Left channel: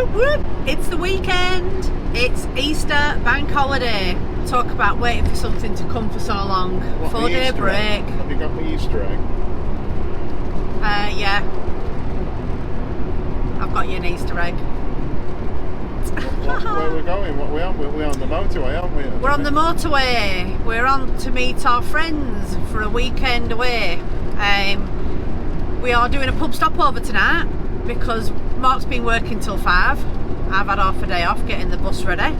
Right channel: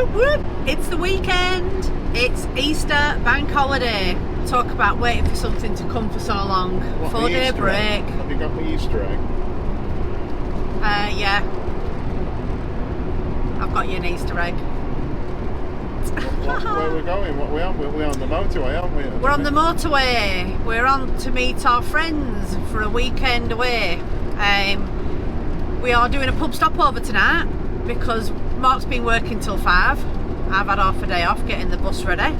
Whoop whoop! It's the weekend. It's Easter bank holiday. Talk about waiting for something to come for so long. 4-day break. Have you got the Easter egg? Yeah. I've got you an Easter egg. Where are we going? What are we on? We're on the motorway, aren't we? We're on the motorway. We're on to meet our friends for a weekend away. We are doing a pub stopover tonight because Mark's been working till 5. I've had half a day off getting the bus ready.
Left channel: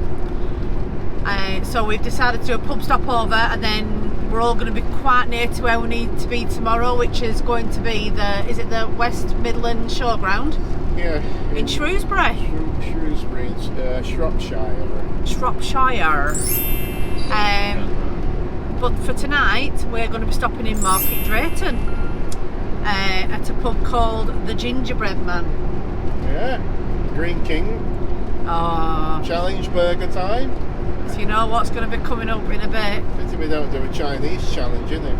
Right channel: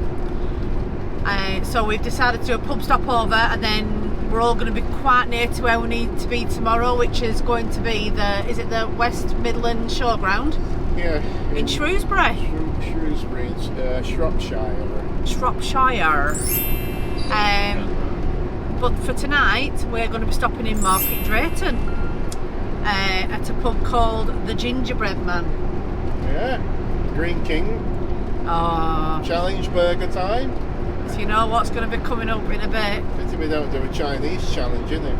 So we've decided to do a pub stopover, and then we're all going to be quite near to where we need to be tomorrow, which is going to be is it the West Midland Showground? Yeah. In Shrewsbury. Shrewsbury, Shropshire. Shropshire. But for tonight, we're going to be stopping in Market Drayton at a pub called The Gingerbread Man. Yeah. Green King. Oh. Challenge burger time. So you know what's going to be coming up in a bit. Pity we don't do a Chinese challenge, innit?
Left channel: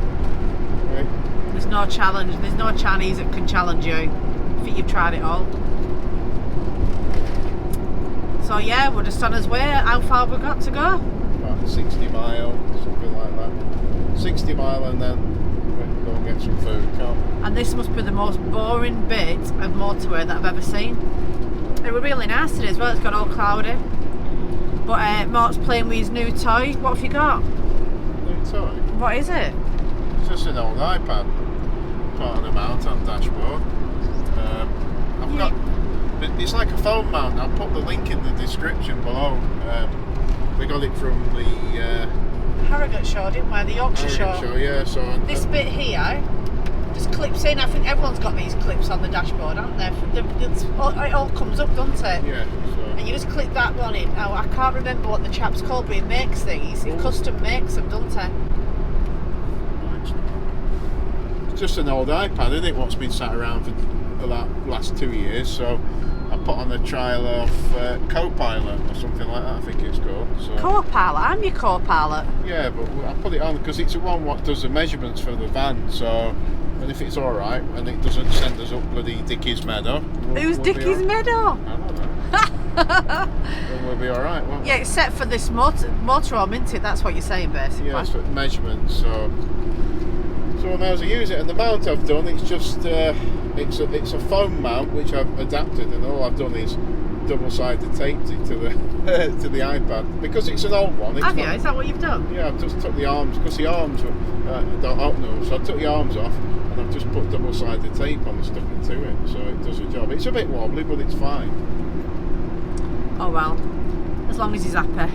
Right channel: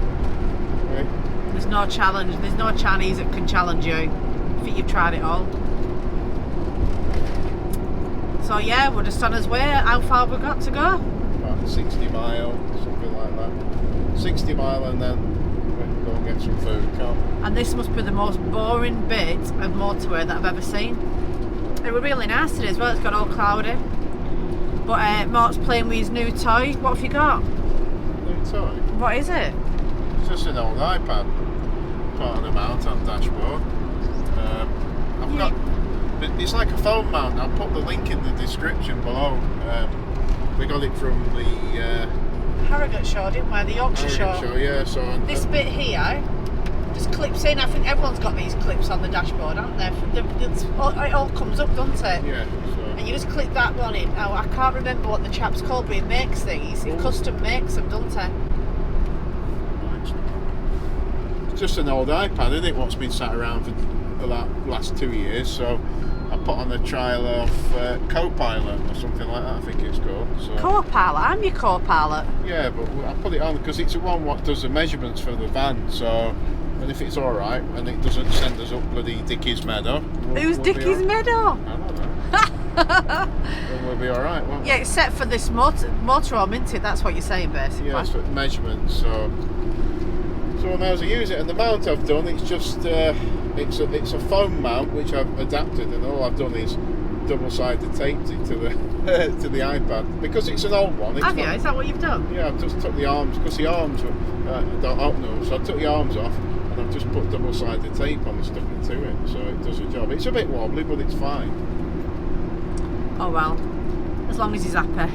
Right. There's no challenge. There's no Chinese that can challenge you. I think you've tried it all. So yeah, we're just on our way. How far have we got to go? About 60 mile, something like that. 60 mile, and then we can go and get some food, can't we? And this must be the most boring bit of motorway that I've ever seen. It was really nice today as well. It's got all cloudy. But Mark's playing with his new toy. What have you got? New toy? What is it? It's just an old iPad. Put on a mount on dashboard. I've got. It's like a phone mount. I'll put the link in the description below. We got it from the Harrogate show, didn't we? The Yorkshire show. Yeah. So this bit here just clips in. I think everyone's got these clips on the dashboard, haven't they? It all comes up, doesn't it? Yeah. So. And you just clip that one in. Now I can't remember what the chap's called, but he makes these. He custom makes them, doesn't he? It's just an old iPad, isn't it? What's been sat around for the last 2 years. So I put on a trial of Copilot or something like that, I think it's called. So. Copilot? I'm your Copilot. Yeah, but I put it on because it's the one what does the measurements for the van. So, and if it's all right and it doesn't send us up bloody Dickie's Meadow. Who's Dickie's Meadow? I don't know. Then we'll be all right, won't we? Yeah, except for this motorhome, isn't it? That's what you're saying, basically. Yeah, so measurements. So I may as well use it. And the mount I've done, it's just it's a foam mount which I've adapted, and all I've done is double-sided taped it to the to the iPad because it's an old one. Have you? Is that what you've done? Yeah, I've just took the arms because the arms were don't open them, so I took the arms off and I've just put double-sided tape on and stuck it to it, so it does the job. It's a bit wobbly, but it's fine. Oh well, as long as he's happy.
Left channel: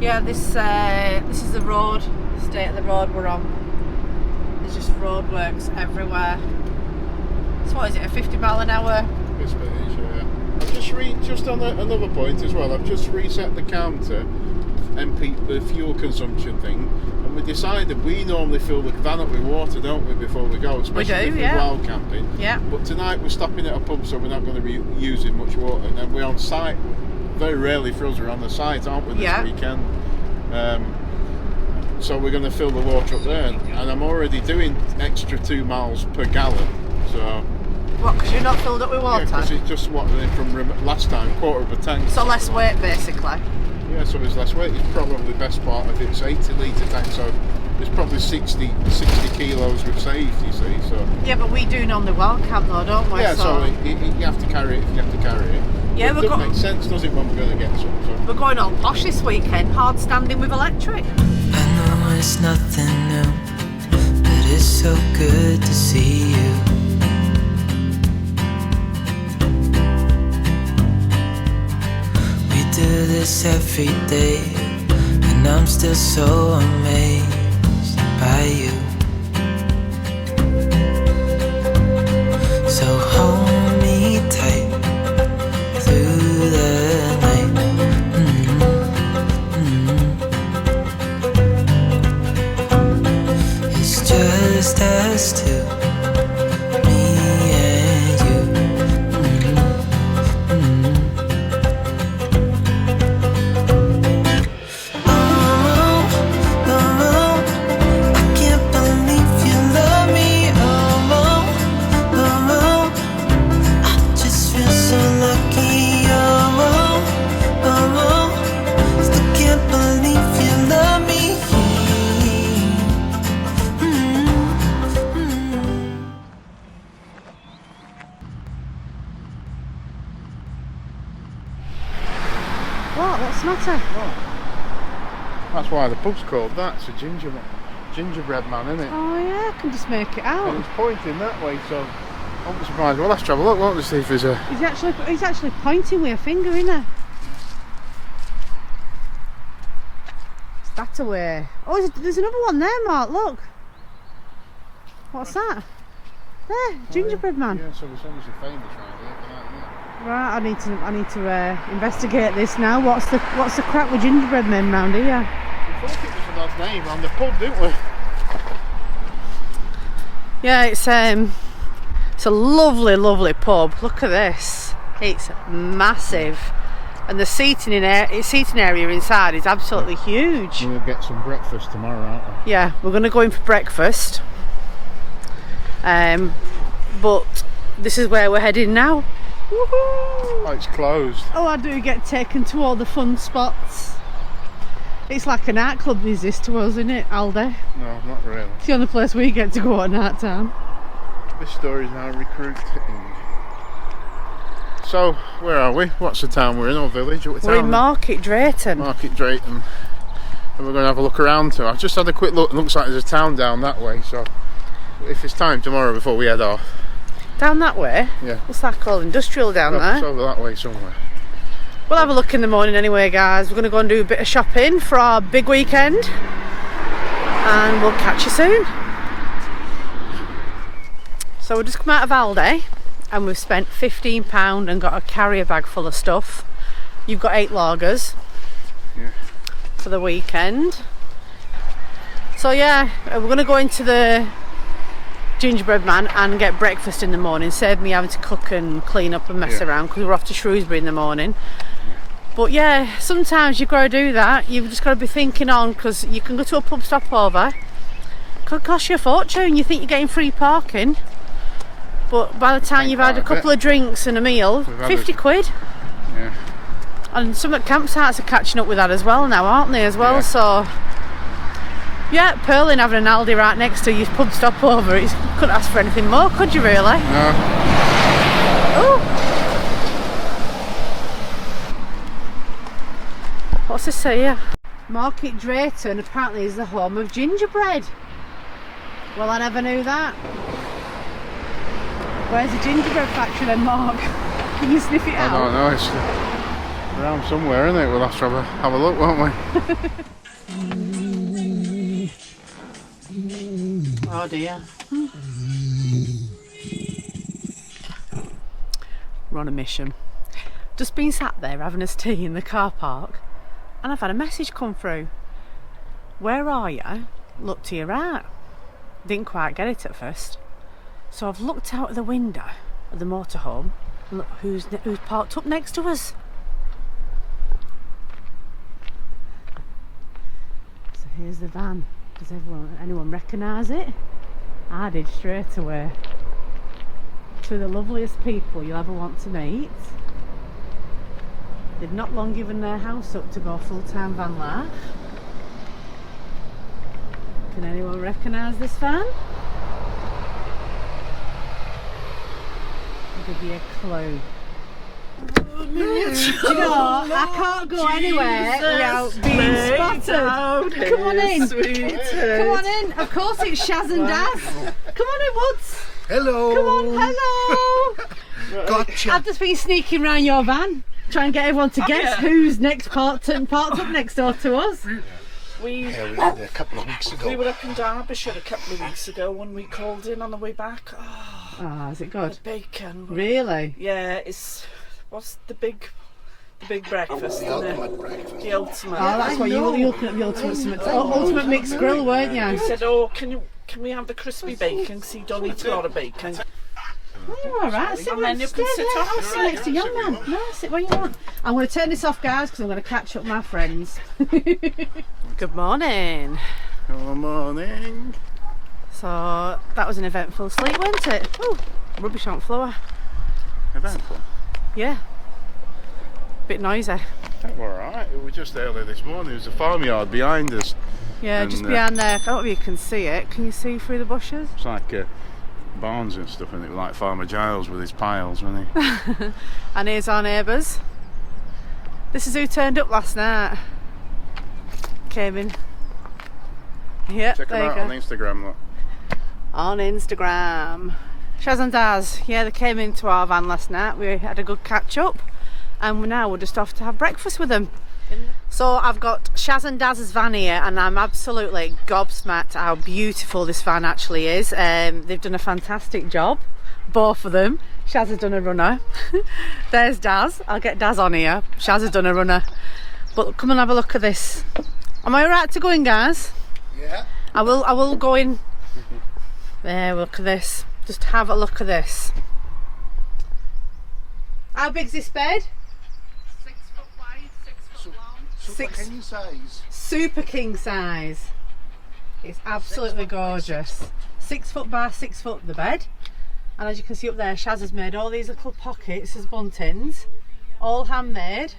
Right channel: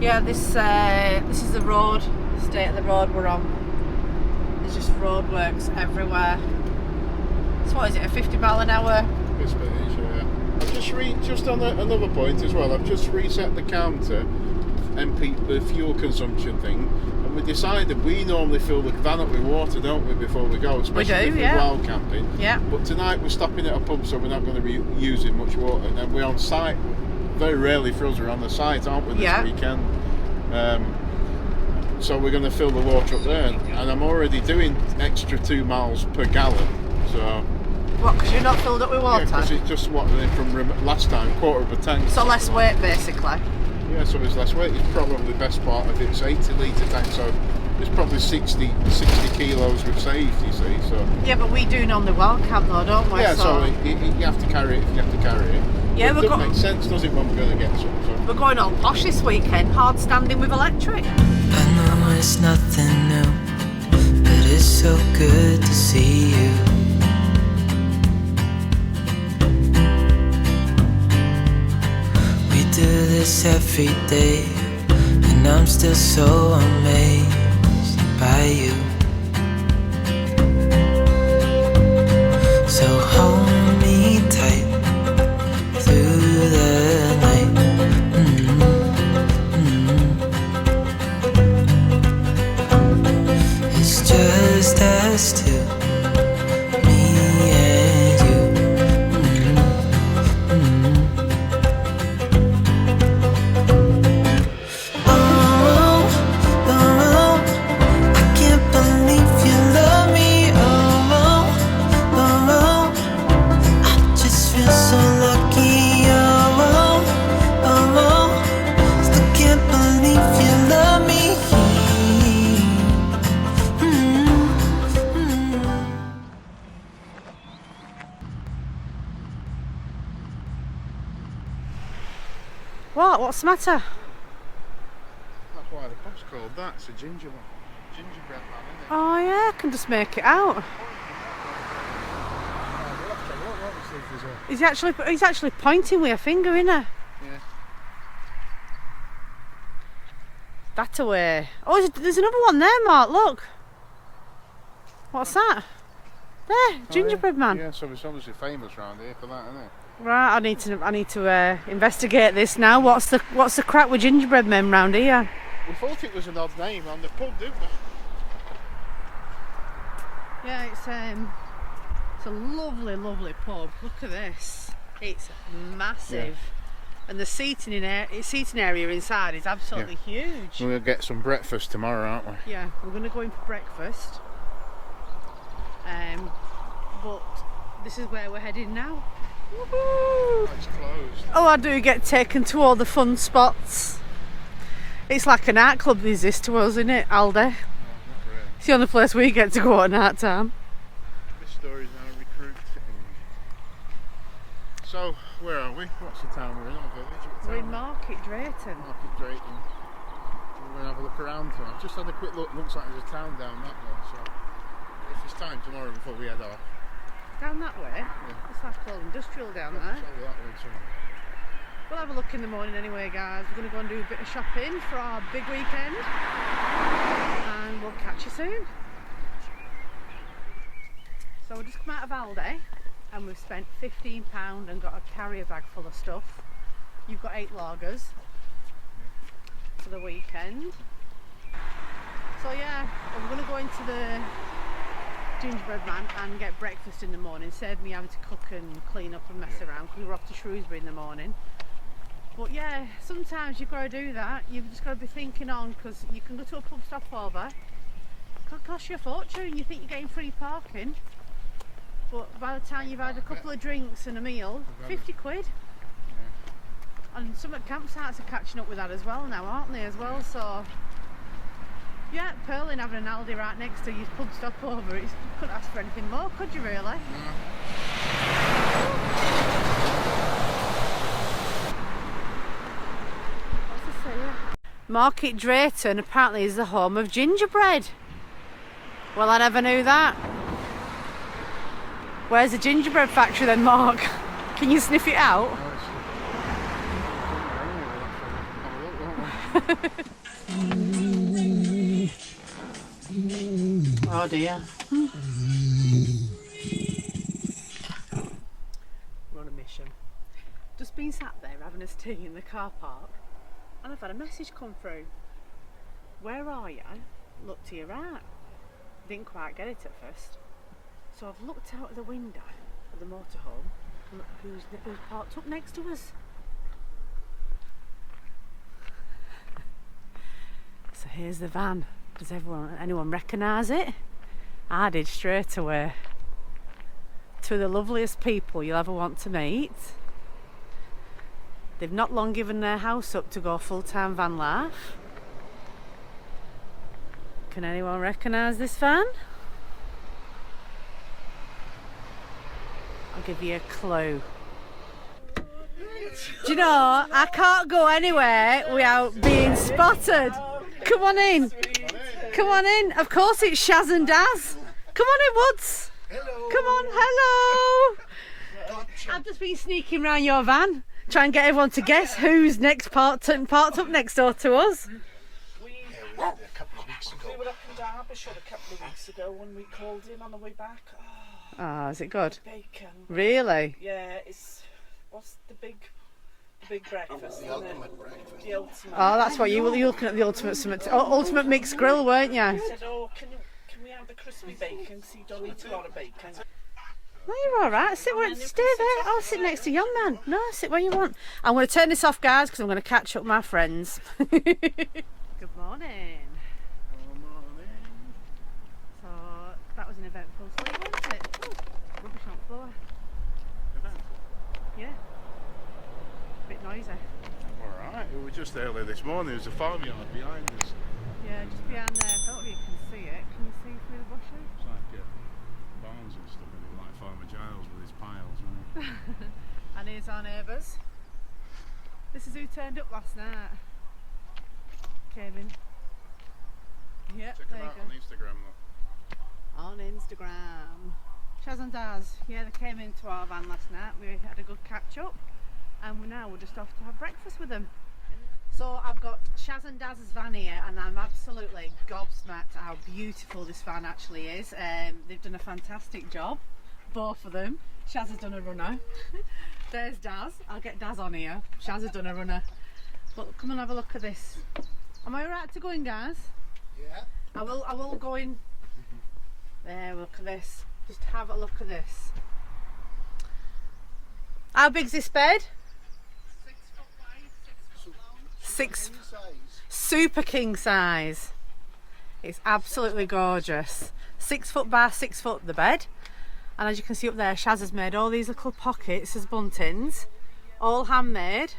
Yeah, this is the road, state of the road we're on. There's just roadworks everywhere. So what is it, a 50 mile an hour? This bit is, yeah. I've just on another point as well, I've just reset the counter, the fuel consumption thing, and we decided we normally fill the van up with water, don't we, before we go, especially if we're wild camping. Yeah. But tonight we're stopping at a pub, so we're not going to be using much water, and then we're on site. Very rarely for us, we're on the site, aren't we, this weekend? So we're going to fill the water up there, and I'm already doing extra 2 miles per gallon. So. What? Because you're not filled up with water? Yeah, because it's just what from last time, quarter of a tank. So less weight, basically. Yeah, so it's less weight. It's probably the best part of it. It's 80 litre tank, so there's probably 60 kilos we've saved. You see, so. Yeah, but we do normally wild camp though, don't we? Yeah, so you have to carry it if you have to carry it. Yeah, it doesn't make sense, does it, when we're going to get some? So. We're going all posh this weekend, hard standing with electric. I know it's nothing new, but it's so good to see you. We do this every day, and I'm still so amazed by you. So hold me tight through the night. It's just us two, me and you. Oh, What's the matter? Oh. That's why the pub's called that. It's a gingerbread man, isn't it? Oh yeah, I can just make it out. And he's pointing that way, so I won't be surprised. Well, let's have a look, won't we, see if there's a... He's actually pointing with a finger, isn't he? Yeah. That away. Oh, there's another one there, Mark. Look. What's that? There, gingerbread man. Yeah, so it's obviously famous around here for that, isn't it? Right, I need to investigate this now. What's the crack with gingerbread men round here? We thought it was an odd name on the pub, didn't we? Yeah, it's a lovely pub. Look at this. It's massive, and the seating area inside is absolutely huge. We'll get some breakfast tomorrow, aren't we? Yeah, we're going to go in for breakfast. But this is where we're heading now. Woohoo! Oh, it's closed. Oh, I do get taken to all the fun spots. It's like a nightclub, is this to us, isn't it, Aldi? No, not really. It's the only place we get to go at night time. This story's now recruiting. So, where are we? What's the town we're in, or village? We're in Market Drayton. Market Drayton. And we're going to have a look around too. I've just had a quick look. It looks like there's a town down that way, so if it's time tomorrow before we head off. Down that way? Yeah. It's like all industrial down there. It's over that way somewhere. We'll have a look in the morning anyway, guys. We're going to go and do a bit of shopping for our big weekend. And we'll catch you soon. So we've just come out of Aldi and we've spent £15 and got a carrier bag full of stuff. You've got 8 lagers for the weekend. So yeah, we're going to go into the gingerbread man and get breakfast in the morning. Save me having to cook and clean up and mess around because we're off to Shrewsbury in the morning. But yeah, sometimes you've got to do that. You've just got to be thinking on, because you can go to a pub stopover. It could cost you a fortune. You think you're getting free parking, but by the time you've had a couple of drinks and a meal, 50 quid. Yeah. And some of the campsites are catching up with that as well now, aren't they, as well? Yeah. So yeah, Perlin having an Aldi right next to your pub stopover, you couldn't ask for anything more, could you really? No. Oh. What's this say here? Market Drayton apparently is the home of gingerbread. Well, I never knew that. Where's the gingerbread factory then, Mark? Can you sniff it out? I don't know, it's around somewhere, isn't it? We'll have to have a look, won't we? Oh dear. We're on a mission. Just been sat there having us tea in the car park and I've had a message come through. Where are you? Look to your right. Didn't quite get it at first. So I've looked out of the window of the motorhome and look who's parked up next to us. So here's the van. Does anyone recognise it? I did straight away. Two of the loveliest people you'll ever want to meet. They've not long given their house up to go full-time van life. Can anyone recognise this van? I'll give you a clue. Do you know, I can't go anywhere without being spotted. Come on in. Come on in. Of course it's Shaz and Daz. Come on in, Woods. Hello. Come on, hello. Gotcha. I've just been sneaking round your van, trying to get everyone to guess who's next parked up next door to us. We were there a couple of weeks ago. We were up in Derbyshire a couple of weeks ago when we called in on the way back. Ah, is it good? The bacon. Really? Yeah, what's the big breakfast? The ultimate breakfast. The ultimate. Oh, that's why you were looking at the ultimate mixed grill, weren't you? He said, "Oh, can we have the crispy bacon? Because you don't eat a lot of bacon." No, you're all right. Sit where you stay there. I'll sit next to young man. No, sit where you want. I'm going to turn this off, guys, because I'm going to catch up with my friends. Good morning. Good morning. So that was an eventful sleep, wasn't it? Oh, rubbish on the floor. Eventful? Yeah. Bit noisy. We're alright. It was just early this morning. There was a farmyard behind us. Yeah, And, just behind there. I don't know if you can see it. Can you see through the bushes? It's like barns and stuff, and it was like Farmer Giles with his piles, wasn't he? And here's our neighbours. This is who turned up last night. Came in. Yeah, Check them there you out go. on Instagram, look. On Instagram. Shaz and Daz, yeah, they came into our van last night. We had a good catch up, and we're just off to have breakfast with them. So I've got Shaz and Daz's van here, and I'm absolutely gobsmacked how beautiful this van actually is. They've done a fantastic job, both of them. Shaz has done a runner. There's Daz. I'll get Daz on here. Shaz has done a runner. But come and have a look at this. Am I alright to go in, guys? Yeah. I will go in. There, look at this. Just have a look at this. How big's this bed? 6 foot wide, 6 foot long. Six. King size. Super king size. It's absolutely gorgeous. 6 foot by 6 foot the bed. And as you can see up there, Shaz has made all these little pockets as buntings. All handmade.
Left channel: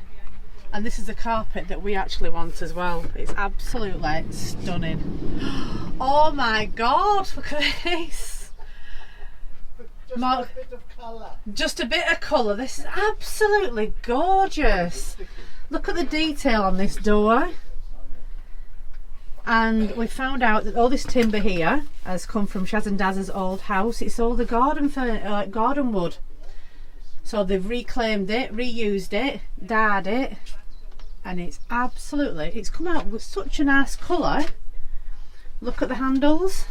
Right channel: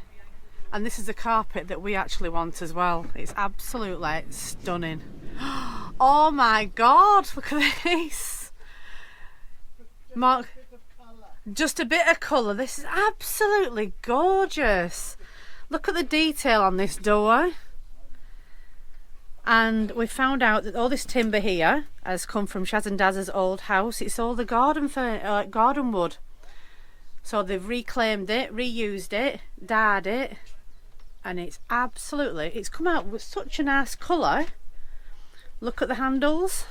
And this is the carpet that we actually want as well. It's absolutely stunning. Oh my God, look at this. Mark, just a bit of colour. This is absolutely gorgeous. Look at the detail on this door. And we found out that all this timber here has come from Shaz and Daz's old house. It's all the garden wood. So they've reclaimed it, reused it, dyed it, and it's come out with such a nice colour. Look at the handles.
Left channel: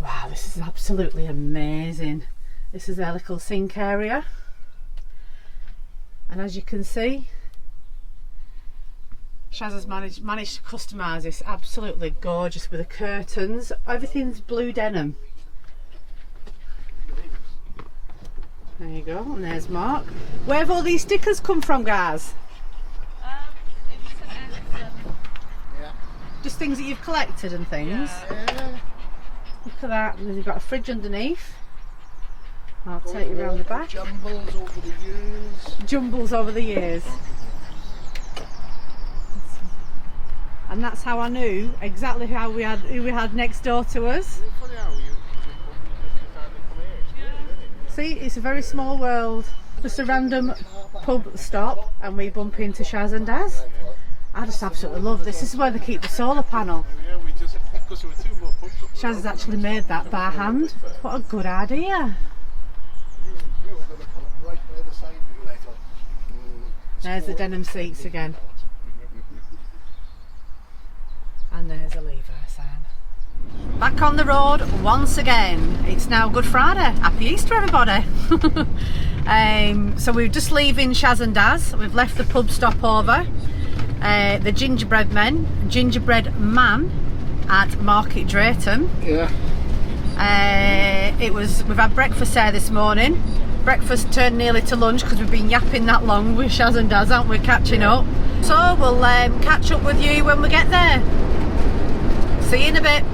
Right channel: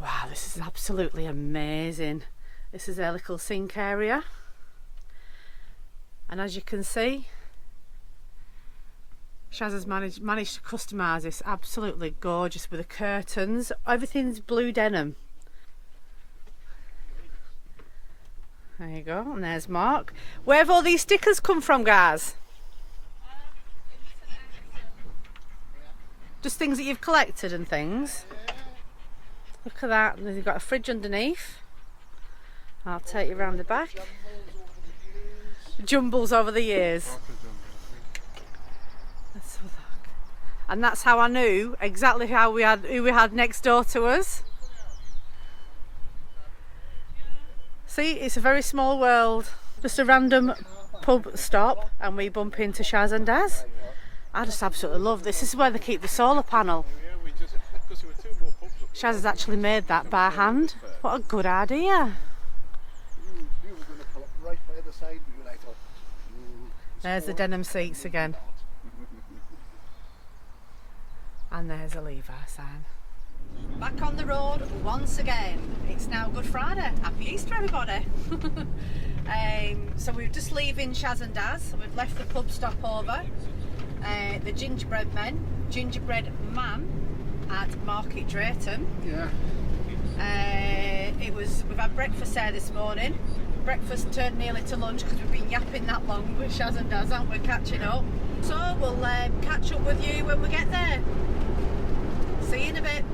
Wow, this is absolutely amazing. This is their little sink area. And as you can see, Shaz has managed to customise this absolutely gorgeous with the curtains. Everything's blue denim. There you go, and there's Mark. Where have all these stickers come from, guys? Just things that you've collected and things. Look at that, and they've got a fridge underneath. I'll take you around the back. Jumbles over the years. Jumbles over the years. And that's how I knew exactly who we had next door to us. See, it's a very small world. Just a random pub stop and we bump into Shaz and Daz. I just absolutely love this. This is where they keep the solar panel. Shaz has actually made that by hand. What a good idea. There's the denim seats again. And there's a Levi sign. Back on the road once again. It's now Good Friday. Happy Easter, everybody. So we're just leaving Shaz and Daz. We've left the pub stopover. The gingerbread man at Market Drayton. Yeah. We've had breakfast there this morning. Breakfast turned nearly to lunch because we've been yapping that long with Shaz and Daz, aren't we? Catching up. So we'll catch up with you when we get there. See you in a bit.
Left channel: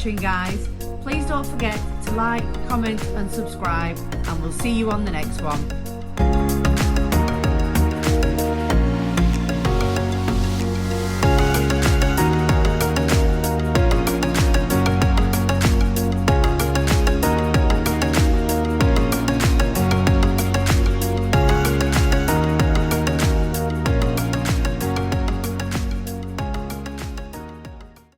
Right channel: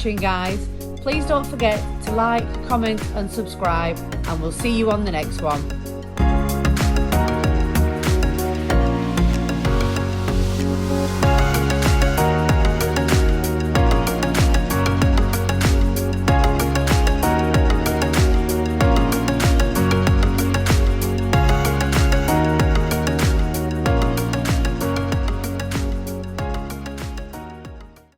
watching, guys. Please don't forget to like, comment and subscribe, and we'll see you on the next one.